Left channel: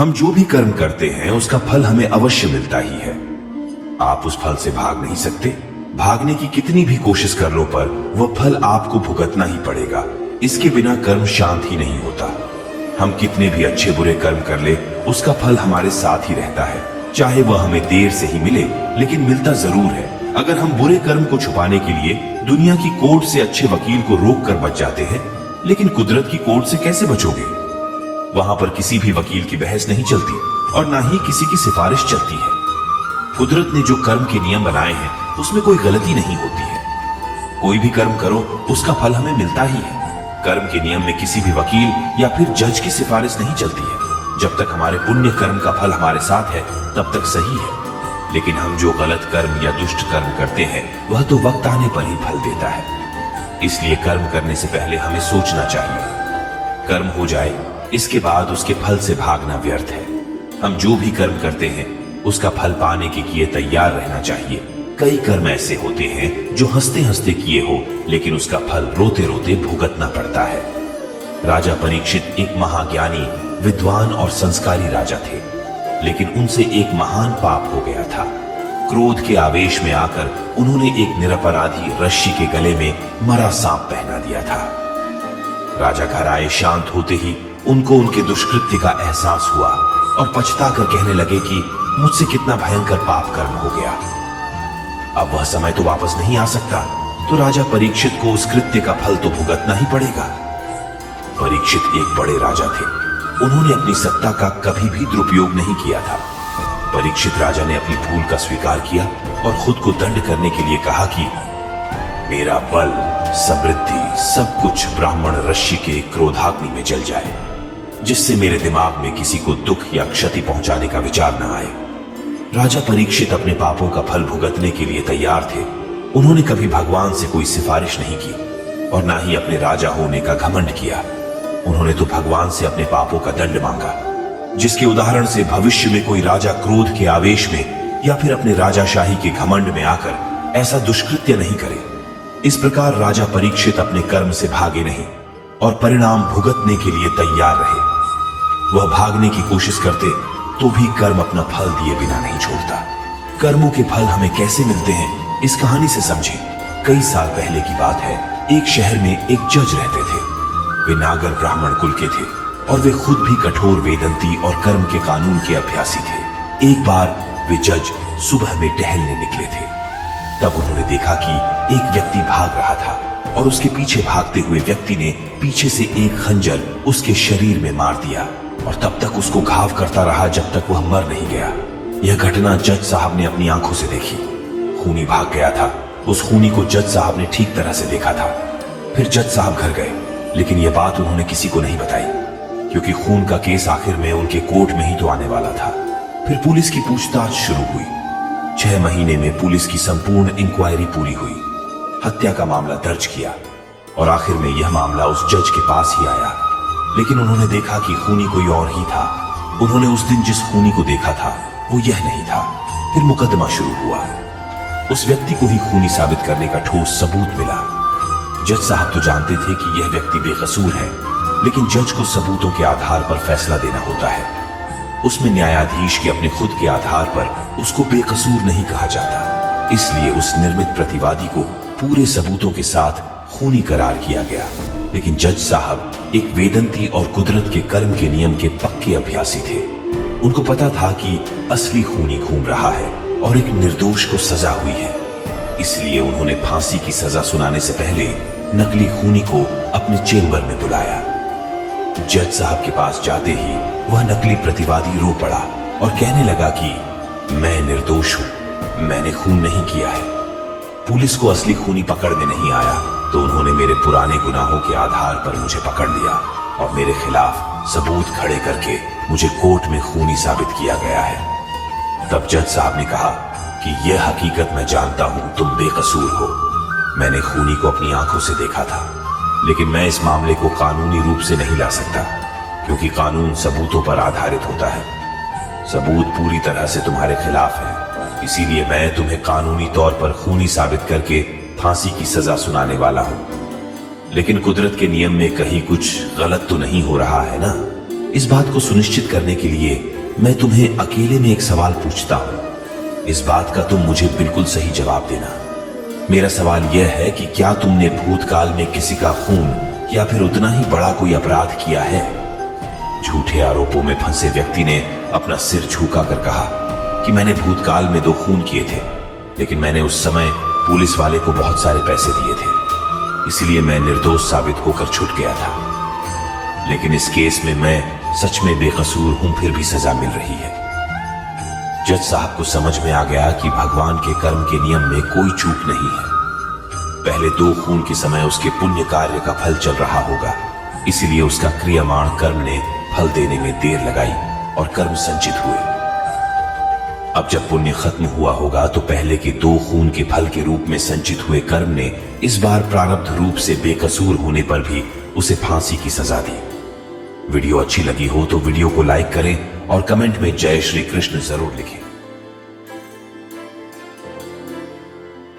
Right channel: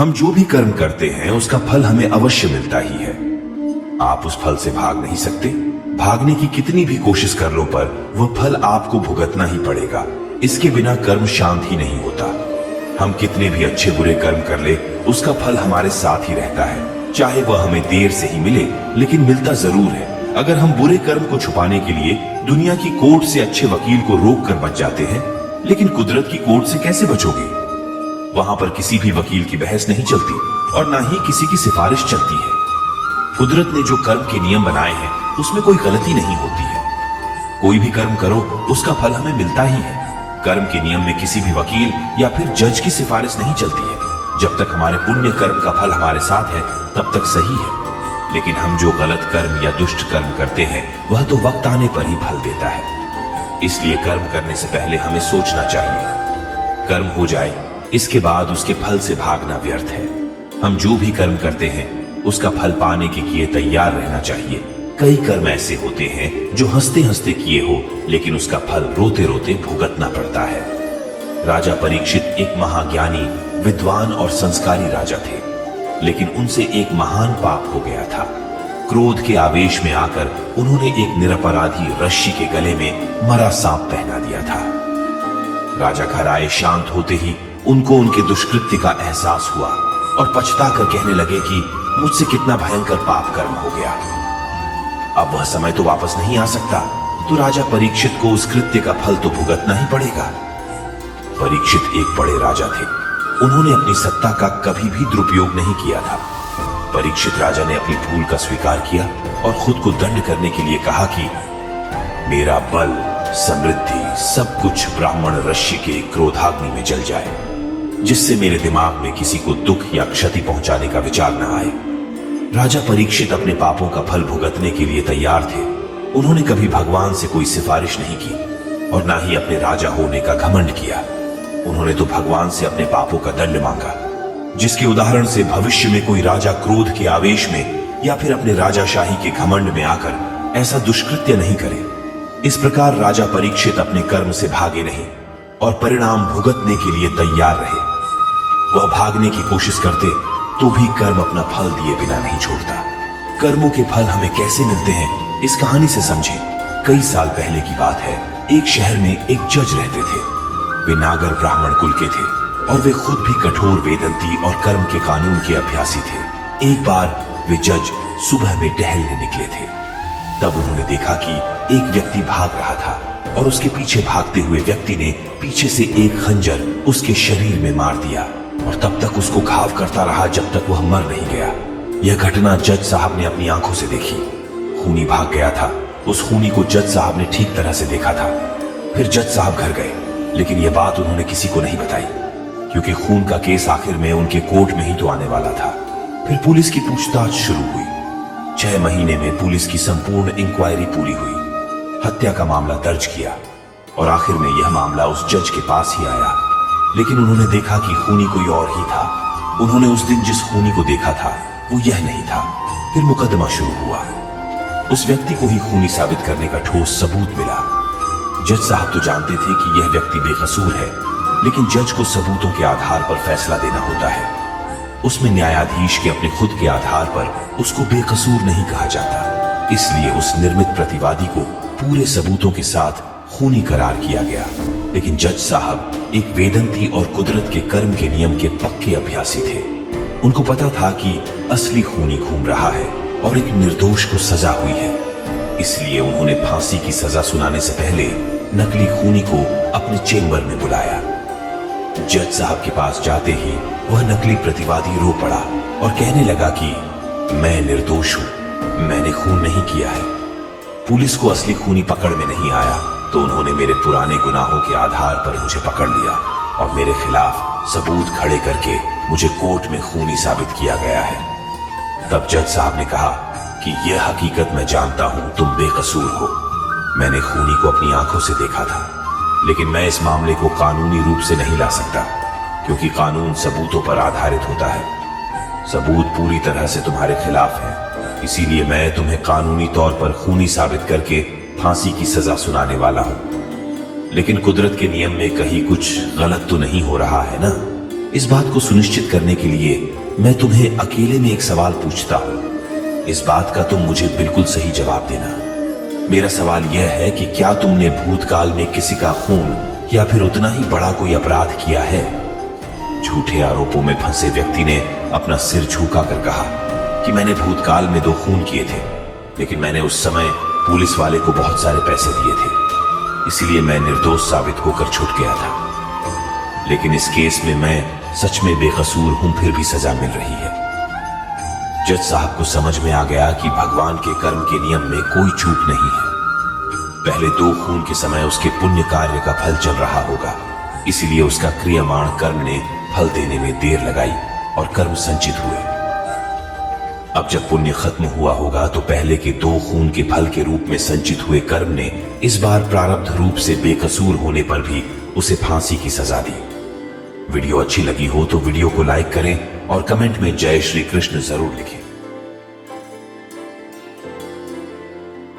हम जो भी कर्म करते हैं उसका फल हमें अवश्य मिलता ही है। आप उस फल से भाग नहीं सकते। भागने की कितनी भी कोशिश कर लो पर वह फल आपको भुगतना ही पड़ेगा। इसके बिना कर्म शांत ही नहीं होता। हम कितने भी अच्छे बुरे कर्म कर ले उसका फल हमारे साथ ही रहता है। चाहे वह हमें देर से ही मिले लेकिन मिलता जरूर है। अगर हम बुरे कर्म को छुपाने के लिए दुनिया की कोर्ट से अच्छे वकील को रोक कर बच जाते हैं, लेकिन कुदरत की कोर्ट से कैसे बचोगे? वहां पर किसी भी वकील की बहस नहीं चलती और ना ही किसी की सिफारिश चलती है। कुदरत ने जो कर्म के नियम बनाए हैं उसमें कोई गलती नहीं होती है। कोई भी कर्म करो उसका फल हमें मिलता ही है। कर्म के नियम में किसी भी वकील या फिर जज की सिफारिश नहीं चलती है। जब तक हमारे पुण्य कर्म का फल हमारे साथ है तब तक सही है, लेकिन हम जो गलत कर्म या दुष्ट कर्म करते हैं वह तो वक्त आने पर ही फल देता है। इसलिए कर्म करने से पहले हमें सोचना चाहिए। कर्म हो जाए इसके बाद उसके फल से भागना व्यर्थ है। हम जो भी कर्म करते हैं उसका फल पाने के लिए तैयार रहना चाहिए। कई कर्म ऐसे होते हैं जो हंसते हंसते किए हो लेकिन उसका फल रोते रोते भुगतना पड़ता है। राजा परीक्षित एक महाज्ञानी, विद्वान और संस्कारी राजा थे, लेकिन उनसे एक महान पाप हो गया था। क्रोध के आवेश में आकर उन्होंने एक निरपराधी रस्सी के गले में मरा सांप पहना दिया था। राजा घर आए, शांत होते ही उनको उनके दुष्कृत्य का एहसास हुआ और पछताकर कहने लगे कि मुझसे कितना भयंकर पाप कर्म हो गया। अब वह समय तो वापस नहीं आ सकता, तो राजा परीक्षित को उस कृत्य का फल तो भुगतना ही पड़ेगा। परीक्षित एक बड़े राजा थे। उन्होंने अपनी सत्ता का कभी भी दुरुपयोग नहीं किया था। परीक्षित राजा ने अपनी भूल का स्वीकार किया और खुद को दंड करने के लिए कहा कि मेरा बल, समृद्धि, सब कुछ ब्राह्मण ऋषि के क्रोधाग्नि में जल जाए, जिससे मेरे दिमाग में किसी को दुख या क्षति पहुंचाने का विचार न आए। राजा परीक्षित अपने पापों का फल भुगतने के लिए तैयार थे। उन्होंने कभी भगवान से कोई सिफारिश नहीं की और ना ही अपने राजा होने का घमंड किया। उन्होंने तो भगवान से अपने पापों का दंड मांगा, जिसके उदाहरण से भविष्य में कोई राजा क्रोध के आवेश में या फिर अपने राजाशाही के घमंड में आकर ऐसा दुष्कृत्य नहीं करे। इस प्रकार राजा परीक्षित अपने कर्म से भागे नहीं और परिणाम भुगतने के लिए तैयार रहे। वह भागने की कोशिश करते तो भी कर्म अपना फल दिए बिना नहीं छोड़ता। कर्मों के फल हमें कैसे मिलते हैं इस कहानी से समझे। कई साल पहले की बात है। एक शहर में एक जज रहते थे। वे नागर ब्राह्मण कुल के थे और वे खुद भी कठोर वेदंती और कर्म के कानून के अभ्यासी थे। एक बार वे जज सुबह में टहलने निकले थे। तब उन्होंने देखा कि एक व्यक्ति भाग रहा था और उसके पीछे भागते हुए व्यक्ति ने पीछे से एक खंजर उसके शरीर में मार दिया और तब तक उसको घाव करता रहा जब तक वह मर नहीं गया। यह घटना जज साहब ने अपनी आंखों से देखी। खूनी भाग गया था। उस खूनी को जज साहब ने ठीक तरह से देखा था। फिर जज साहब घर गए, लेकिन यह बात उन्होंने किसी को नहीं बताई, क्योंकि खून का केस आखिर में उनके कोर्ट में ही तो आने वाला था। फिर पुलिस की पूछताछ शुरू हुई। 6 महीने में पुलिस की संपूर्ण इंक्वायरी पूरी हुई। हत्या का मामला दर्ज किया और आखिर में यह मामला उस जज के पास ही आया। लेकिन उन्होंने देखा कि खूनी कोई और ही था। उन्होंने उस दिन जिस खूनी को देखा था वो यह नहीं था। फिर मुकदमा शुरू हुआ। उस व्यक्ति को ही खूनी साबित करने का ठोस सबूत मिला। जज साहब तो जानते थे कि यह व्यक्ति बेकसूर है, लेकिन जज को सबूतों के आधार पर फैसला देना होता है। उसमें न्यायाधीश के अपने खुद के आधार पर उसको बेकसूर नहीं कहा जाता। इसलिए उस निर्मित प्रतिवादी को पूरे सबूतों के साथ खूनी करार किया गया। लेकिन जज साहब एक वेदंती और कुदरत के कर्म के नियम के पक्के अभ्यासी थे। उनको पता था कि असली खूनी घूम रहा है और एक निर्दोष को सजा हुई है। इसलिए उन्होंने फांसी की सजा सुनाने से पहले नकली खूनी को अपने चेंबर में बुलाया। जज साहब के पास जाते ही वह नकली प्रतिवादी रो पड़ा और कहने लगा कि मैं निर्दोष हूं, मैंने खून नहीं किया है। पुलिस को असली खूनी पकड़ में नहीं आया, तो उन्होंने मेरे पुराने गुनाहों के आधार पर मुझे पकड़ लिया और मेरे खिलाफ सबूत खड़े करके मुझे कोर्ट में खूनी साबित किया गया है। तब जज साहब ने कहा कि यह हकीकत मैं जानता हूं, तुम बेकसूर हो। मैंने खूनी को अपनी आंखों से देखा था, लेकिन मैं इस मामले को कानूनी रूप से नहीं ला सकता, क्योंकि कानून सबूतों पर आधारित होता है। सबूत पूरी तरह से तुम्हारे खिलाफ है, इसीलिए मैं तुम्हें कानूनी तौर पर खूनी साबित करके फांसी की सजा सुनाने वाला हूं। लेकिन कुदरत के नियम में कहीं कुछ गलत तो नहीं हो रहा है ना? इस बात को सुनिश्चित करने के लिए मैं तुम्हें अकेले में एक सवाल पूछता हूं। इस बात का तुम मुझे बिल्कुल सही जवाब देना। मेरा सवाल यह है कि क्या तुमने भूतकाल में किसी का खून या फिर उतना ही बड़ा कोई अपराध किया है? झूठे आरोपों में फंसे व्यक्ति ने अपना सिर झुकाकर कहा कि मैंने भूतकाल में 2 खून किए थे, लेकिन मैंने उस समय पुलिस वाले को बहुत सारे पैसे दिए थे, इसलिए मैं निर्दोष साबित होकर छूट गया था। लेकिन इस केस में मैं सच में बेकसूर हूं, फिर भी सजा मिल रही है। जज साहब को समझ में आ गया कि भगवान के कर्म के नियम में कोई चूक नहीं है। पहले 2 खून के समय उसके पुण्य कार्य का फल चल रहा होगा, इसीलिए उसका क्रियमाण कर्म ने फल देने में देर लगाई और कर्म संचित हुए। अब जब पुण्य खत्म हुआ होगा तो पहले के 2 खून के फल के रूप में संचित हुए कर्म ने इस बार प्रारब्ध रूप से बेकसूर होने पर भी उसे फांसी की सजा दी। वीडियो अच्छी लगी हो तो वीडियो को लाइक करें और कमेंट में जय श्री कृष्ण जरूर लिखें।